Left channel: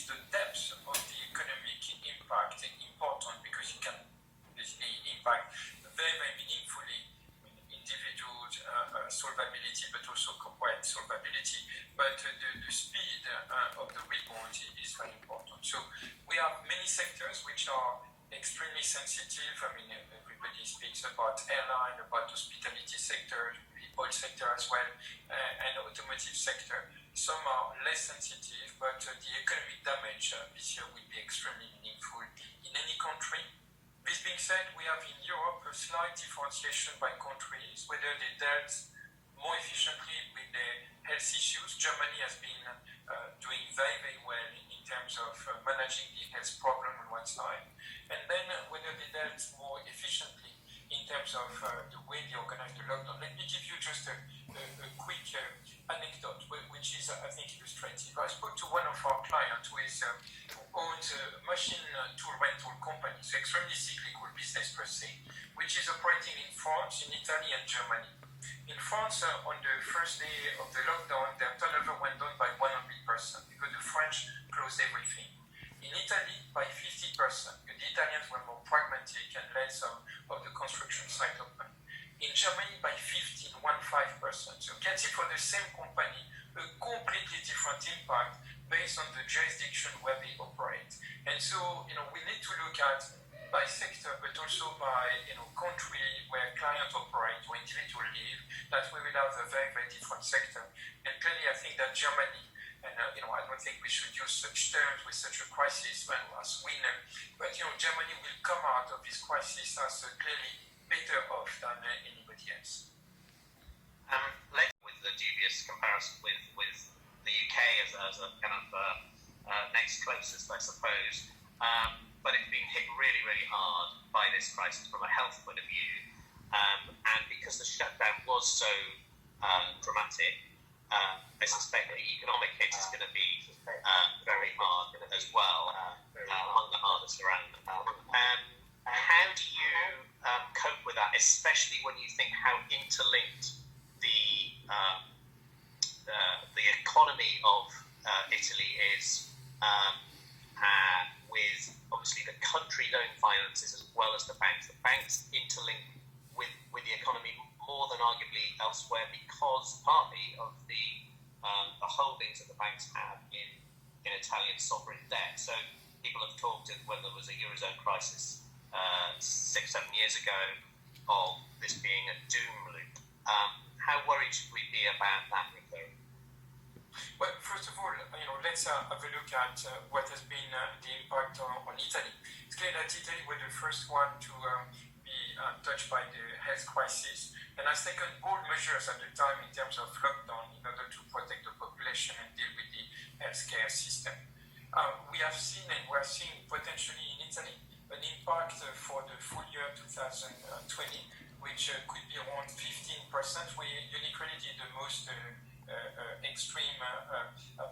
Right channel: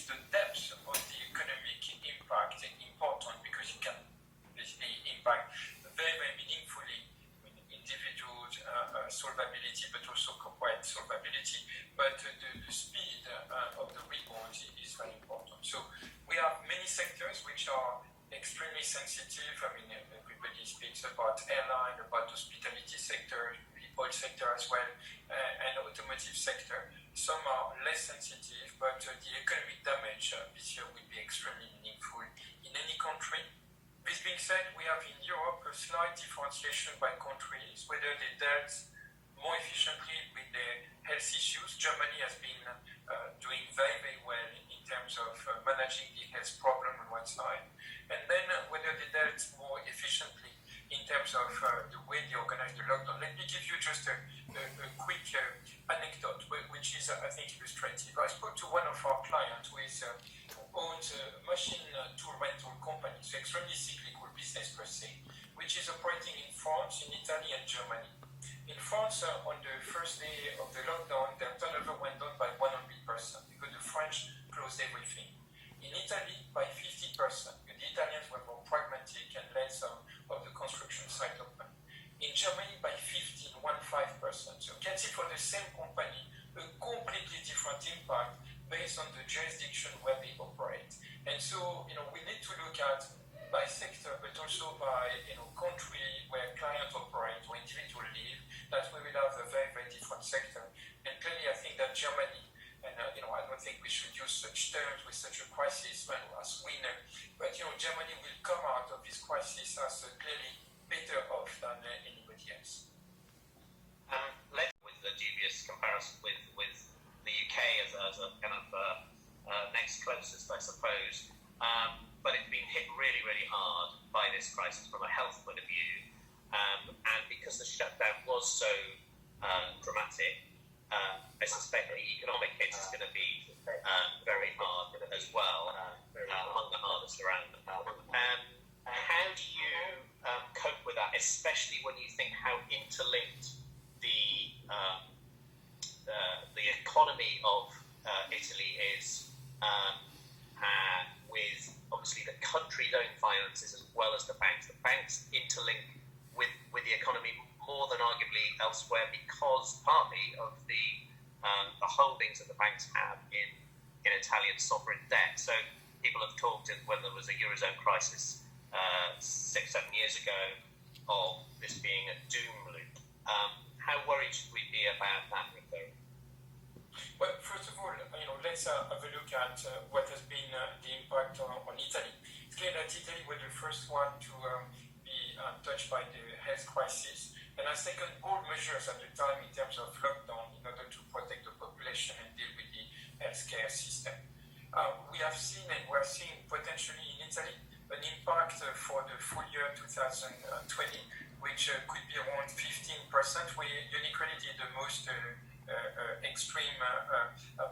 is the depth of the economic impact important because it can basically impact very, very meaningfully individual solvability, but also corporate solvability. But the speed of the rebound is very important. So we have many sectors which are extremely sensitive. I mean, everybody speaks about airline, about hospitality sector, the oil sector as well, and automotive sector. Some are less sensitive, but the economic damage this year will be extremely meaningful in any country. This being said, we have in Europe a slight differentiation by countries, whether they dealt more efficiently with the health issues. Germany has been doing very, very well in terms of managing the health problem on one side, and then whether they dealt more efficiently in terms of the way they organize the lockdown. Let me give you just a quick anecdote, which is, I think, illustrative. I spoke to one of our clients who owns a machine tool rental company, so extremely cyclical business per se, which is operating in France, in Italy, and Germany. In France, on the first day of the lockdown, their turnover went down by 100% because the French closed everything. In Italy, by 50%. The Italians were more pragmatic and let some of the construction site open. In Germany, by 15%. So you can see for the same company, a completely different impact based on the jurisdiction where they operate. And so, we need to look at by sector, but also by, country where clients operate or individual live, that we will have a very, very different sector. And clearly, I think that Germany, and I don't think we should use such terms with such a crisis as winner, but Germany will come out of this crisis as clearly better off than anybody else. Let's with the dubious comparison with the UK as a kind of next closest, I suppose. But it's been hit really, really hard by this crisis from a health point of view. And because the shutdown was so dramatic, I suspect the economic hit is going to be very hard as well, among the hardest around. How do you cope with that, especially when you think how interlinked the economy of Italy is with obviously the country's own finances as well as the banks. The banks interlink with the economy more than arguably elsewhere because partly of the holdings that the banks have in Italian sovereign debt. So people have talked when there was a eurozone crisis 6-7 years ago of this being a doom loop. How worried should we be about that? Well, first of all, let's have a look at what has been the impact on Italy. It's clear that Italy was the first one to be touched by the health crisis and has taken bold measures at the time in terms of lockdown in order to protect the population and deal with the healthcare system. We have seen and we're seeing potentially in Italy an impact for the full year 2020, which could be around 15%, where Unicredit did the most extreme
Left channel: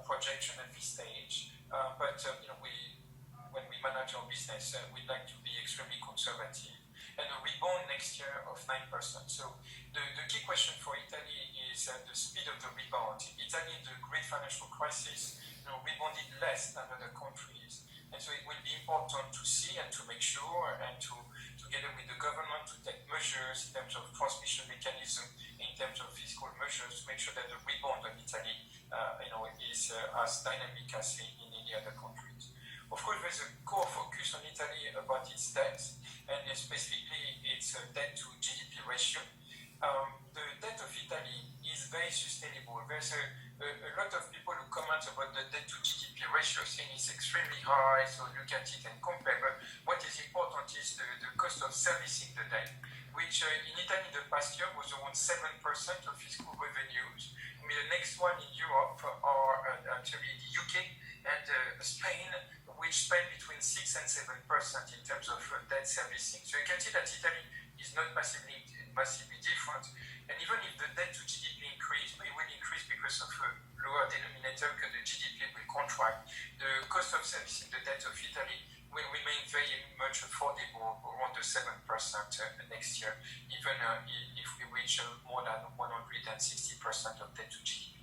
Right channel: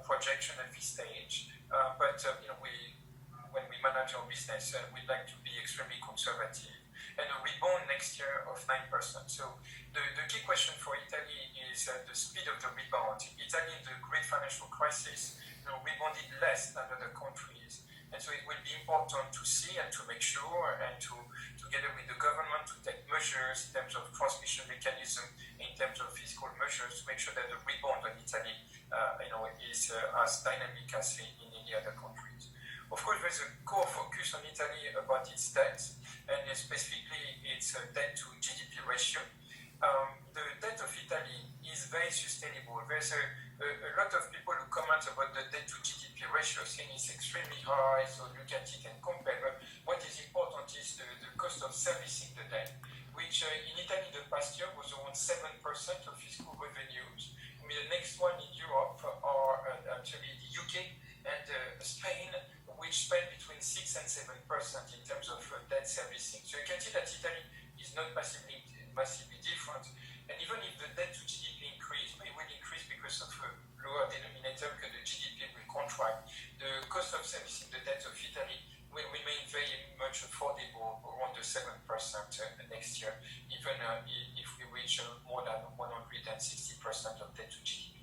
projection at this stage. But when we manage our business, we'd like to be extremely conservative. And a rebound next year of 9%. So the key question for Italy is the speed of the rebound. Italy in the great financial crisis rebounded less than other countries. And so it will be important to see and to make sure and to together with the government to take measures in terms of transmission mechanism, in terms of fiscal measures to make sure that the rebound in Italy is as dynamic as in any other countries. Of course, there's a core focus on Italy about its debt and specifically its debt to GDP ratio. The debt of Italy is very sustainable. There's a lot of people who comment about the debt to GDP ratio saying it's extremely high, so look at it and compare. But what is important is the cost of servicing the debt, which in Italy in the past year was around 7% of fiscal revenues. I mean, the next one in Europe are actually the UK and Spain, which spend between 6 and 7% in terms of debt servicing. So you can see that Italy is not massively different. And even if the debt to GDP increase, it will increase because of a lower denominator because the GDP will contract. The cost of servicing the debt of Italy will remain very much affordable, around the 7% next year, even if we reach more than 160% of debt to GDP.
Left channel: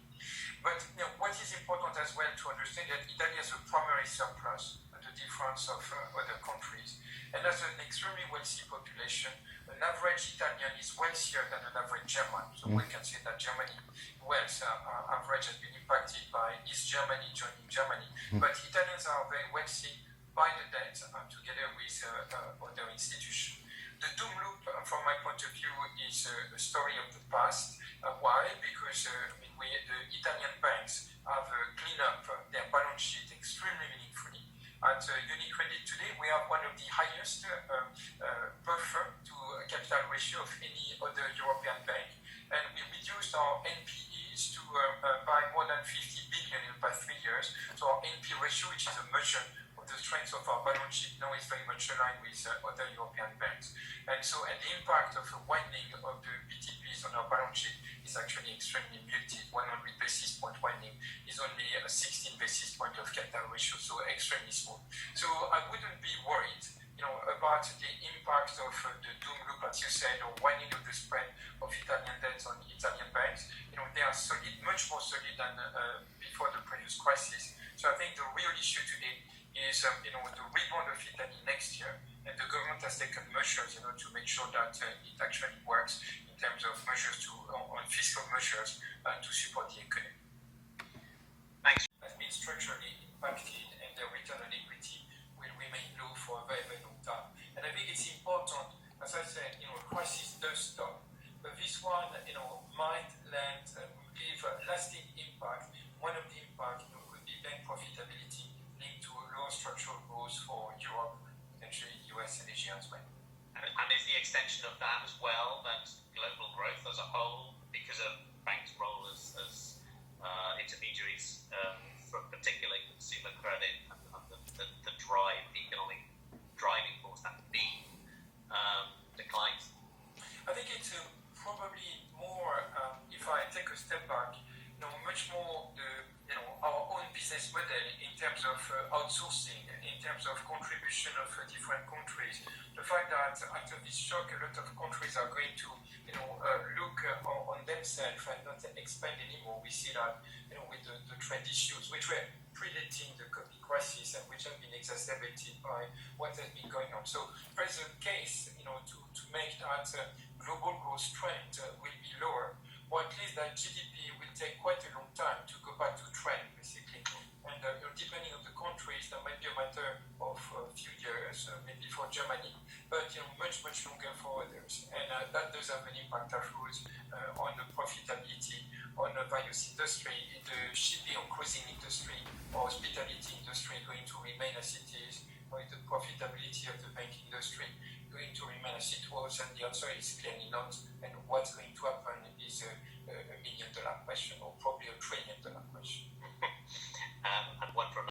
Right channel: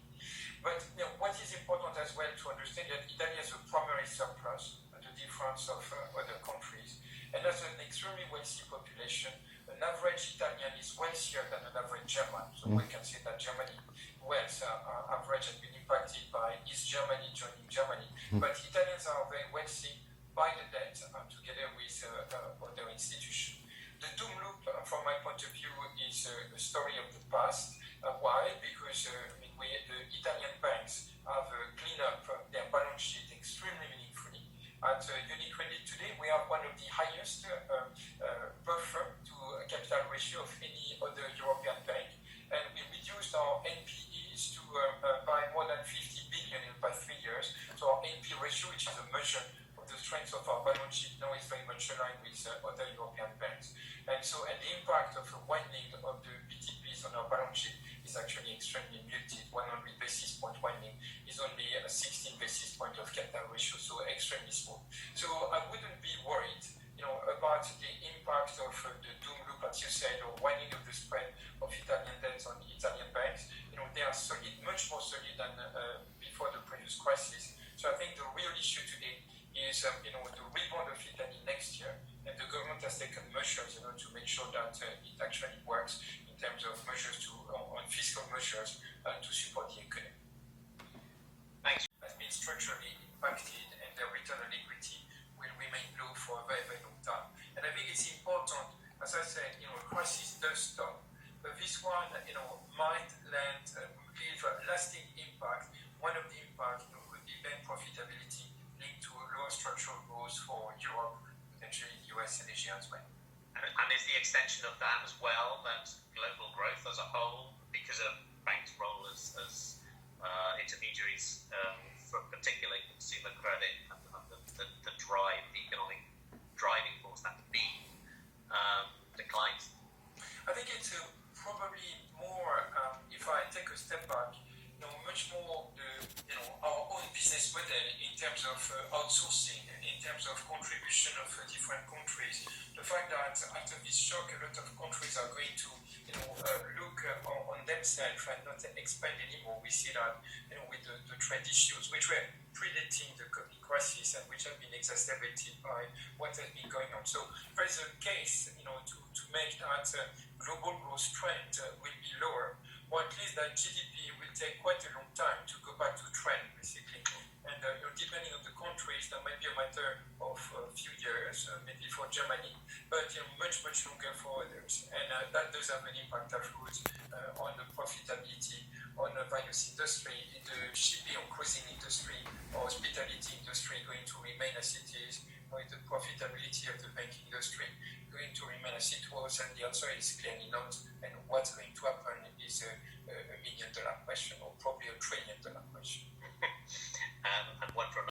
But what is important as well to understand that Italy has a primary surplus, the difference of other countries, and has an extremely wealthy population. An average Italian is wealthier than an average German, so we can say that Germany wealth average has been impacted by East Germany joining Germany, but Italians are very wealthy by the debt together with other institutions. The doom loop, from my point of view, is a story of the past. Why? Because the Italian banks have cleaned up their balance sheet extremely meaningfully. At Unicredit today, we have one of the highest buffer to capital ratio of any other European bank, and we reduced our NPEs to by more than 50 billion in the past 3 years. So our NP ratio, which is a measure of the strength of our balance sheet, now is very much aligned with other European banks. And so, the impact of a widening of the BTPs on our balance sheet is actually extremely muted. 100 basis point widening is only a 16 basis point of capital ratio, so extremely small. So I wouldn't be worried, about the impact of the doom loop, as you said, or widening of the spread of Italian debts on Italian banks. They are solid, much more solid than before the previous crisis. So I think the real issue today is, the rebound of Italy next year, and the government has taken measures, to make sure that it actually works in terms of measures on fiscal measures to support the economy. Thanks. Has been structurally impacted, and the return on equity will remain low for a very, very long time. And I think it's important, as I said, a crisis does stop, but this one, might leave a lasting impact. One of the impact could be bank profitability linked to lower structural growth for Europe, potentially US and Asia as well. And is the extension of that as well, that global growth as a whole, because of banks' role as intermediaries for particularly consumer credit and the drive, the economic driving force, that B declines? I think it's probably more, if I take a step back, much more our own business model in terms of outsourcing, in terms of contribution of different countries. The fact that after this shock, a lot of countries are going to look on themselves and not expand anymore. We see that with the trade issues, which were predating the COVID crisis and which have been exacerbated by what has been going on. So there is a case to make that global growth trend will be lower, or at least that GDP will take quite a long time to go back to trend, basically. And depending on the countries, that might be a matter of a few years, maybe for Germany, but much, much longer for others. And that does have an impact afterwards on the profitability on the various industry. In the shipping or cruising industry or hospitality industry going to remain as it is, or the profitability of the banking industry going to remain as it was? And the answer is clearly not. And what's going to happen is a $1 million question, or probably $1 trillion question. And one for